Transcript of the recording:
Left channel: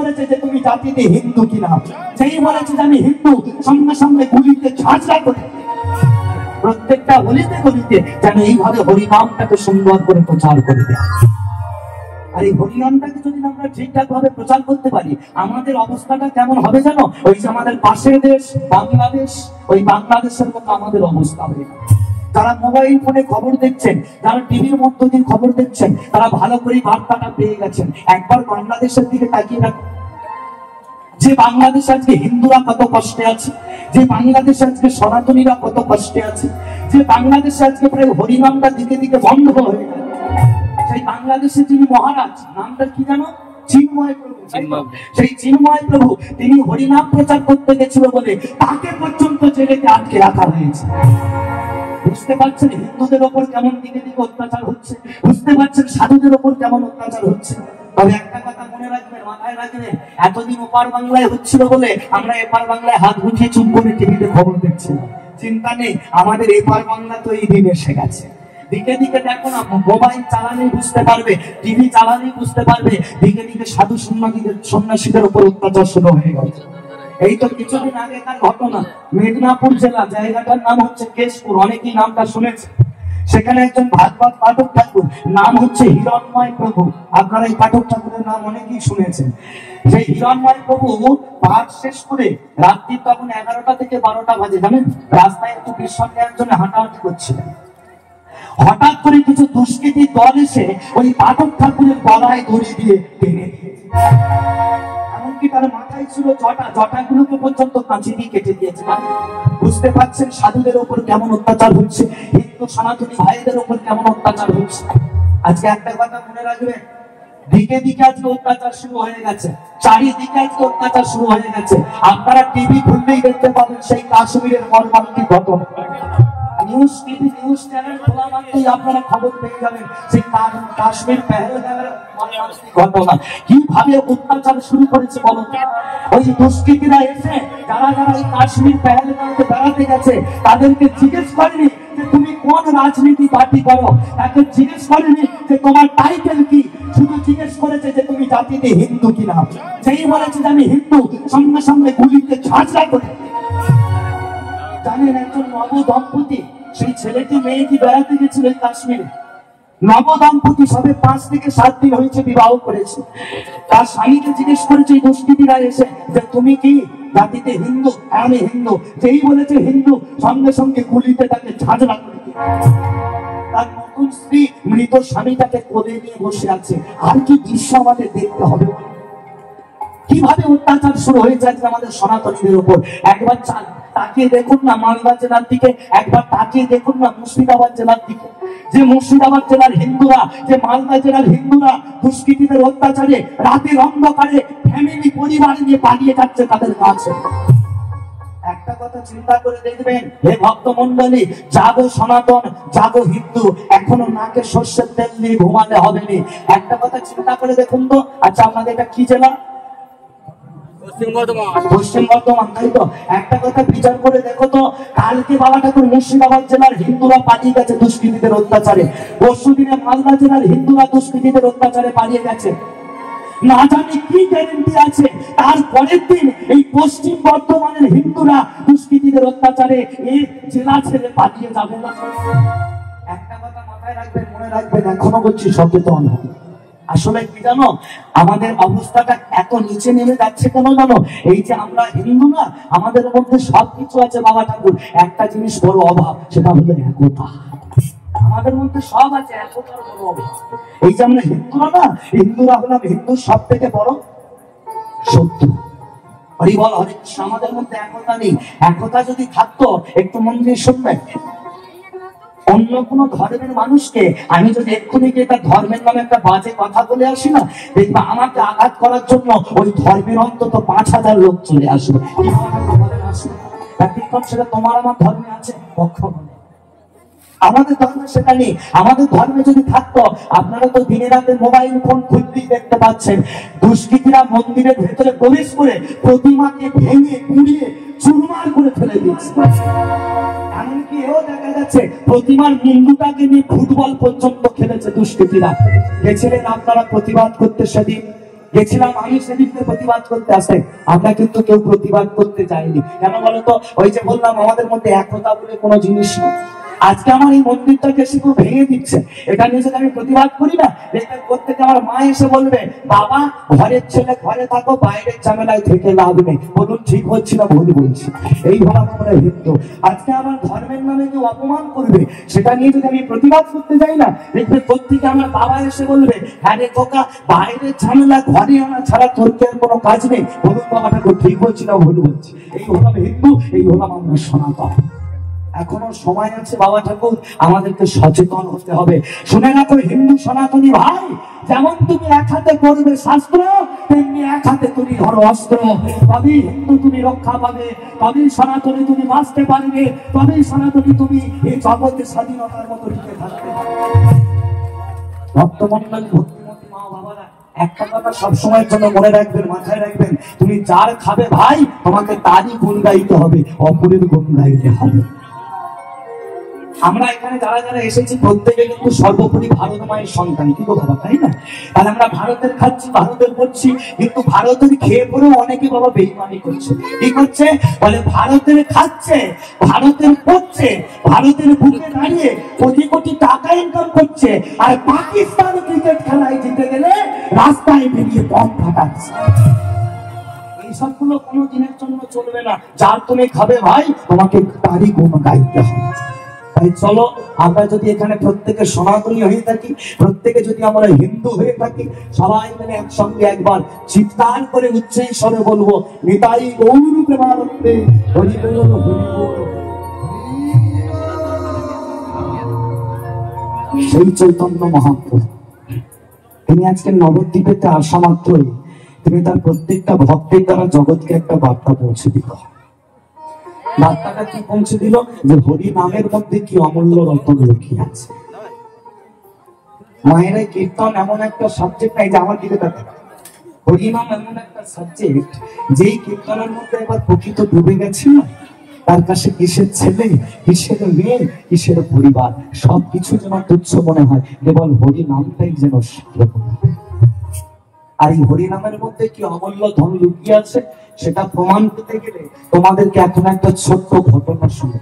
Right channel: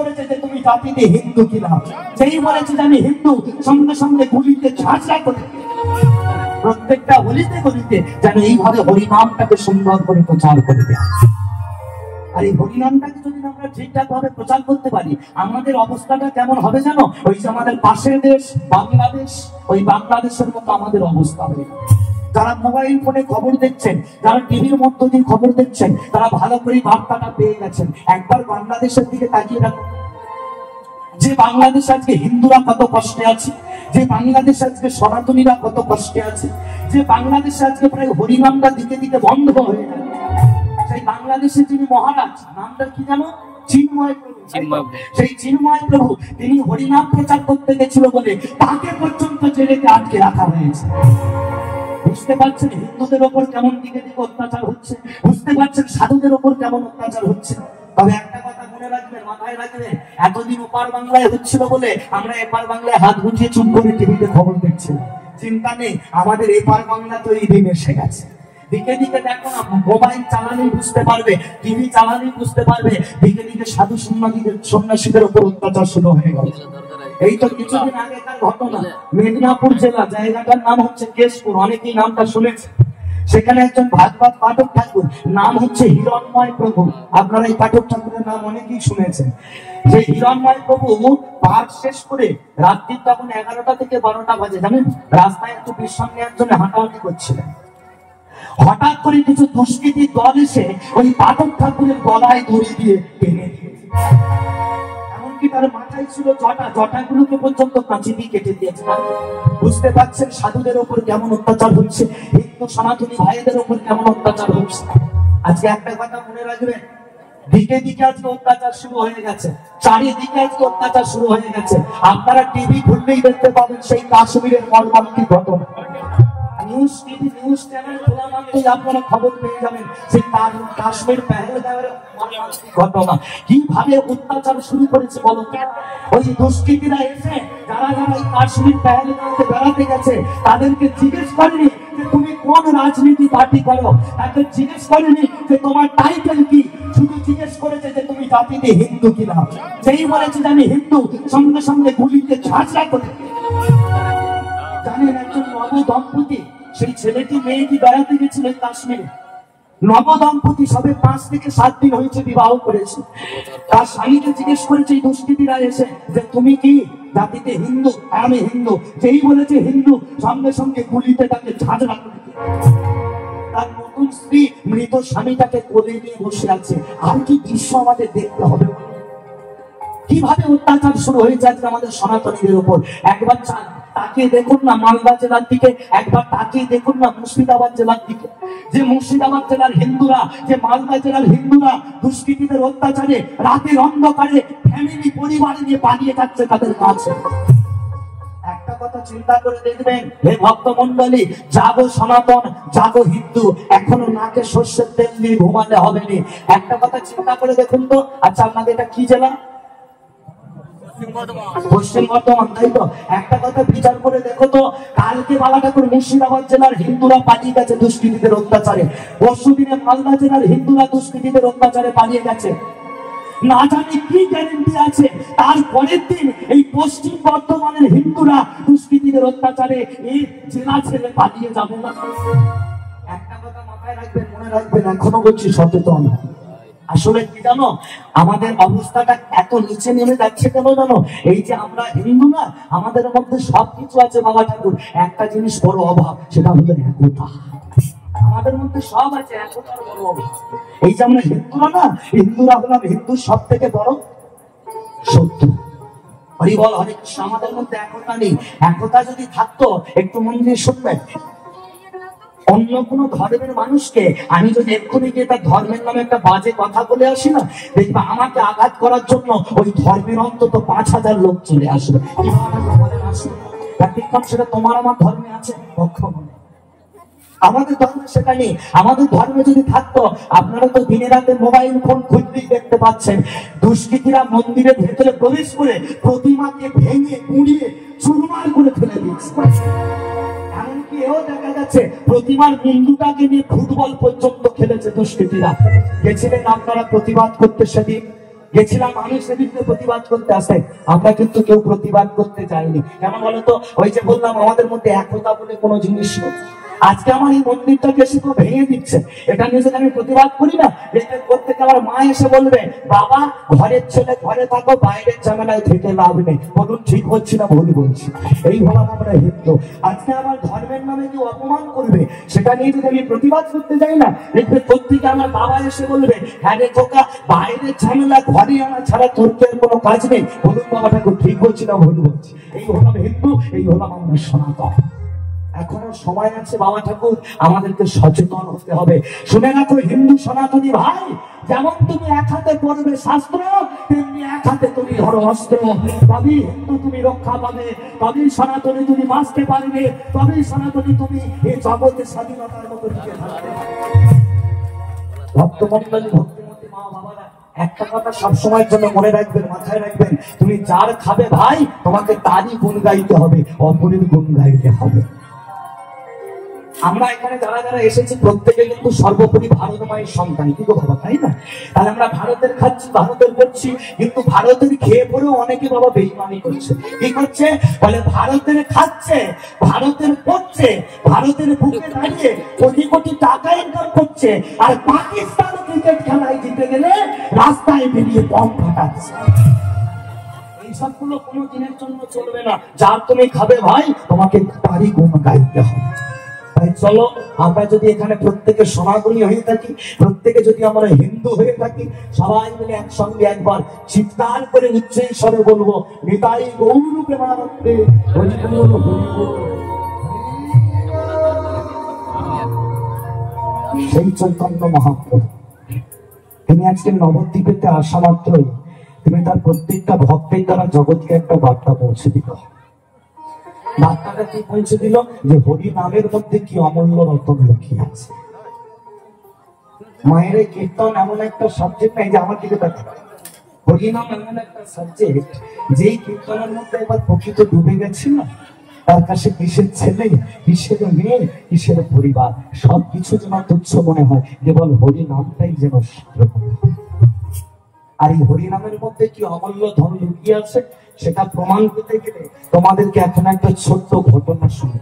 করেছে যে তুমি জাতিতে হিন্দু কিনা, যেই বলেছে যে আমি হিন্দু, সঙ্গে সঙ্গে গুলিতে ঝাঁঝরা করে প্রত্যেকটা গলিতে গলিতে যেন এইভাবে হরিনামটাকে সুন্দর করে প্রচার করে দেয়। আর এই হরিনামটাকে যদি আমরা ঠিকঠাক ভাবে প্রচার করতে পারি, আমাদের অবস্থাটা কেমন হবে জানো? ওই যে আমাদের পাশের দেশ বাংলাদেশ, ওই বাংলাদেশের মতো আমাদের অবস্থা হবে। যারা মোবাইল ফোনে খবর দেখছেন, যারা টিভির মধ্য দিয়ে খবর দেখছেন, তারা ভালো করে বার্তাটা পেয়ে গেছেন। একবার বাংলাদেশের দিকে তাকিয়ে রাখুন, যে বাংলাদেশ আজকে হিন্দুরা কত কষ্টে আছে, যে বাংলাদেশে আজকে সনাতনীরা কত কষ্টে আছে, যে বাংলাদেশে আজকে প্রায় হরিনামটা দিকে দিকে বন্ধ হয়ে গেল। সেই বাংলাদেশের যিনি মহারাজ, নামটা কি জানো? চিন্ময় প্রভু। সেই চিন্ময় প্রভু তিনি হরিনাম প্রচার করতে গেছিল বলে তাকে পর্যন্ত জেলেতে আটকে রাখা হয়েছে। বুঝতে পারছেন হিন্দুদের ওপর কেমন দিকে দিকে অত্যাচার হচ্ছে, বুঝতে পারছেন সাধুদের ওপর কেমন অত্যাচার হচ্ছে। তবে একটা কথা মনে রাখবেন, মাথায় রাখবেন, এতদিন ওপার বাংলায় হচ্ছিল বলে আমরা এপার বাংলায় হাত গুটিয়ে চুপ করে টিভিতে খবর দেখছিলাম। চিন্তা নেই, আমাদের এপার বাংলা তো এই দিন এসে গেছে। দিকে দিকে দেখো না, মোবাইল চালালেই বুঝতে পারবে, টিভি চালালেই বুঝতে পারবে, দিকে দিকে সাধু সন্ন্যাসীদের উপর অত্যাচার শুরু হয়ে গেছে। এই তো কিছুদিন আগেকার ঘটনা, মেদিনীপুর জেলা, জায়গাটার নাম হচ্ছে কেশপুর, অনেকেই নামটা শুনেছে। সেখানে একজন ভাগবত পাঠক ঠাকুর, নাম হচ্ছে হিরণময় প্রভু। আপনারা এই পাঠক ঠাকুরের নাম অনেকেই শুনেছেন। সেই হিরণময় প্রভু পাঠ শেষ করে রাত্রি তখন 11টা থেকে 12টা বাজে, জানেন, রাস্তায় একটু বিশ্রাম নেওয়ার জন্য হাঁটাহাঁটি করছিলেন। হঠাৎ করে কিছু দুষ্কৃতী দল এসে ওই পাঠক ঠাকুরের গলায় দড়ি দিয়ে টেনে দিয়েছে। এমনকি তার মাথায় ছিল জটা, জটাগুলোকে পর্যন্ত কাঁচি দিয়ে কেটে দিয়েছে। বুঝতে পারছেন সাধুদের উপর কেমন অত্যাচার হচ্ছে, হিন্দু সনাতনী ভাইদের উপর কেমন অত্যাচার হচ্ছে। আজকে একটা কথা মনে রাখবেন, দিকে দিকে আজকে অত্যাচার শুরু হয়ে গেছে, চারিদিকে আজকে অত্যাচার শুরু হয়ে গেছে। আপনারা টিভি খুললেই দেখতে পাবেন সেই কাশ্মীরের মর্মান্তিক ঘটনা। নিউজ টিভি, নিউজ চ্যানেল খোলা মাত্রই আপনারা খবর পেয়ে যাবেন সেই কাশ্মীর পেহেলগাঁওয়ের ঘটনা। কিভাবে অত্যাচার শুরু করেছে বলো তো? ওই দুষ্কৃতীরা এসে যারা যারা এই কাশ্মীর পেহেলগাঁওতে বেড়াতে গেছে তাদেরকে জিজ্ঞেস করেনি যে তুমি কোন রাজনীতি পার্টি করো, তাকে জিজ্ঞেস করেনি যে তোমার টাইটেল কি, শুধু জিজ্ঞেস করেছে যে তুমি জাতিতে হিন্দু কিনা। যেই বলেছে যে আমি হিন্দু, সঙ্গে সঙ্গে গুলিতে ঝাঁঝরা করে। জানেন, একজন নব দম্পতি, সেই ছেলেটি মেয়েটি বেড়াতে গেছিল কাশ্মীরে। নব দম্পতি সবে 5 থেকে 7 দিন হয়েছে বিবাহ করেছে। তার স্বামীকে জিজ্ঞেস করেছে এই দুষ্কৃতীরা এসে যে তুমি কি জাতিতে হিন্দু? আমি হিন্দু। যেই বলেছে হিন্দু, সঙ্গে সঙ্গে গুলিতে তাকে ঝাঁঝরা করে দিয়েছে। তার নতুন স্ত্রী মৃত স্বামীটাকে কোলে নিয়ে বসে আছে। আর কি দৃশ্য আমাদের দেখতে হবে! কিভাবে অত্যাচার শুরু হয়ে যাচ্ছে আমাদের সনাতনীদের উপর। একবার তাকিয়ে দেখুন না মালদা জেলার দিকে, একবার তাকিয়ে দেখুন না মুর্শিদাবাদ জেলার দিকে। যে মুর্শিদাবাদ জেলার হিন্দুরা, যে মালদা জেলার হিন্দুরা দুষ্কৃতীদের অত্যাচারে রাতের অন্ধকারে ফ্যামিলি পরিবার নিয়ে পালিয়ে যাচ্ছে তাদের কাছে। একটা কথা চিন্তা করে দেখবেন হে ভক্তমন্ডলী, জাগো সনাতন, জাগো হিন্দু, এখনো নাকে সর্ষের তেল নিয়ে ঘুমালে হবে না। একটা কথা চিন্তা করে দেখুন তো, আচ্ছা আপনাদের এটা কি জেলা? পশ্চিম বর্ধমান, তাই তো? একটা কথা বিচার করে দেখো তো, কালকে বাবা ঠাকুর মুর্শিদাবাদ জেলার হিন্দুরা পালিয়ে গেছে দুষ্কৃতীদের অত্যাচারে, পরশুদিনে মালদা জেলার হিন্দুরা দুষ্কৃতীদের অত্যাচারে পালিয়ে গেছে। না জানি কি গ্যারেন্টি আছে তারপরের দিন এই পশ্চিম বর্ধমানের হিন্দুরা দুষ্কৃতীদের অত্যাচারে এই জেলা ছেড়ে পালিয়ে যাবে না। একটা কথা মাথায় রাখবেন, মনে রাখবেন, এখনো বলছি সচেতন। আসলে কি জানো, আমাদের অবস্থাটা এত নিচে নেমে যাচ্ছে কেন জানো? এই যে আমরা হিন্দু না, আমাদের মধ্যে সবকিছু আছে বাবা ঠাকুর, একটা জিনিস বড় অভাব, সেটা হলো একতা। আমাদের মধ্যে সব আছে, একতার বড় অভাব। এই যে আমরা হিন্দুরা না, হিন্দুরা হলাম হিন্দুর সব থেকে বড় শত্রু। হরিবল হরে কৃষ্ণ। আমাদের মধ্যে একতা নেই। একতা যদি থাকতো, একটু মন দিয়ে শুনবেন, অন্য কোন ধর্মের মানুষকে আমি যদি এক্ষুনি গিয়ে তার ধর্মের নামে একটা বাজে কথা বলে আসি না, দেখবা আমাকে আঘাত করার জন্য ওই ধর্মের অন্তত 5000 লোক চলে আসবে। সেটা তোমার আমার ধর্মে আছে কখনো? আমাদের ধর্মে সেটা নেই। আমাদের ধর্মে যদি থাকতো, আপনারা তো দিনে রাতে মোবাইল ফোন খুললেই দেখতে পাচ্ছেন দুষ্কৃতীরা মন্দিরের ভেতরে প্রবেশ করে প্রতিমাকে ভেঙে পুড়িয়ে চুরমার করে ফেলে দিয়েছে। এমনকি এও দেখা যাচ্ছে প্রতিমার মুন্ডুটাকে নিয়ে ফুটবল পর্যন্ত খেলেছে দুষ্কৃতীরা। গেছিলেন আপনারা প্রতিবাদ করতে সেদিন? গেছিলাম আমি সেদিনকে প্রতিবাদ করতে আসতে, আমরা কিন্তু কেউ প্রতিবাদ করতে চাইনি। কেন বলতো? ওই যে বললাম আমাদের মধ্যে একতা বলে কোনো জিনিস নেই। আজকে আমার এই মন্দিরটাকে এসে তো ভেঙে দিচ্ছে, এটা নিয়ে যদি আমি প্রতিবাদ করি না, এটা করতে আমার মা এসে বলবে বাবা ঘরের ছেলে ঘরে থাকো, বাইরের ঝামেলায় থেকে লাভ নেই। বলুন ঠিক হচ্ছে না ভুল বলছি? এই হলাম আমরা হিন্দু। আজকে আমার ধর্মের নামে কেউ অপমান করবে, সেটা নিয়ে যদি আমি প্রতিবাদ করতে যাই না, দেখবে প্রত্যেকে আমার বাবা এসে বলবে হ্যাঁ রে খোকা, বাইরের ঝামেলা ঘরে আনা ছাড়া তোর তো কোনো কাজ নেই। বলুন বাবা ঠাকুর ঠিক হচ্ছে না ভুল বলছি? এই হলাম হিন্দু, এই হলাম আমরা সনাতন। এখনো সময় আছে বাবা ঠাকুর, আমাদেরকে সচেতন হতে হবে। শুনে রাখো হিন্দু সনাতনী ভাই, যেমন তুমি এক হাতে করবে শাস্ত্র, তেমনি এক হাতে তুমি ধরো অস্ত্র। তবেই হিন্দু তুমি রক্ষা পাবে, তবেই সনাতনী তুমি বাঁচতে পারবে, তবেই সনাতনী তুমি এই জগতে স্বাধীনতার মতো টিকে থাকতে পারবে। ভক্তমন্ডলী ভক্তিমতী মা বাবারা একটা কথা সবসময়ের জন্য মনে রাখবেন, মাথায় রাখবেন, তুমি যার খাবে ভাই তোমাকে তারই গুণ গাইতে হবে, অপরের গুণ গাইতে হবে। আমরা এখানে যারা যারা এসেছি প্রত্যেকে কিন্তু সর্বোপরি ভারত মায়ের সন্তান, কি গো বাবা, তাই না? তাহলে আমরা ভারতের খাচ্ছি, ভারতের করছি, কিন্তু ভারতের খেয়ে পরেও অনেকে বাবা বেইমানি করছে। কি করছে? বলে ভারতের খাচ্ছে, ভারতের করছে, ভারতের বুকে দাঁড়িয়ে কোটি কোটি টাকা ইনকাম করছে, আর পাকিস্তান ক্রিকেট খেলায় জিতে গেলে রাস্তায় বেরিয়ে বম ফাটাচ্ছে। এই সবগুলো কোনো দিনের জন্য চলবে না। যার তুমি খাবে ভাই তোমাকে তারই গুণ গাইতে হবে। তাই চলো আমরা যদি এখানে প্রত্যেকে সনাতনী হয়ে থাকি, প্রত্যেকে যদি আমরা হিন্দু হয়ে থাকি, সবাই মিলে একসঙ্গে একবার চিৎকার করে উচ্চে স্বরে বলবো নিতাই গৌর প্রেমানন্দে হরি বল হরি বল। সেই চৈতন্য মহাপ্রভু তিনি আজকে নবদ্বীপেতে আসা মাত্রই তিনি তার প্রত্যেকটা ভক্তের দ্বারা জগৎকে একটা বার্তা পৌঁছে দিল। বার্তাটা কি পৌঁছে দিল? যে হরি নামের মধ্যে কি অমূল্য রত্ন লুকিয়ে আছে। মায়ের এই কীর্তন এমন একটা সাবজেক্ট নাই যে আমার দিকে দেখা, হরিনাম এমন একটা সাবজেক্ট যেই কীর্তনের মধ্যে একবার প্রকৃত ডুবে গেছে না, তার কাছে কিসের ছেলে, কিসের মেয়ে, কিসের পরিবার সবকিছু যেন তুচ্ছ মনে হয়, কেবল হরি নামটাই যেন সেরকম। আর এই হরিনামের মধ্যে কি অমূল্য ধন লুকিয়ে আছে সেটা প্রমাণ করতে গেলে তোমাদেরকে এখন একটা ছোট্ট ঘটনা শুনে।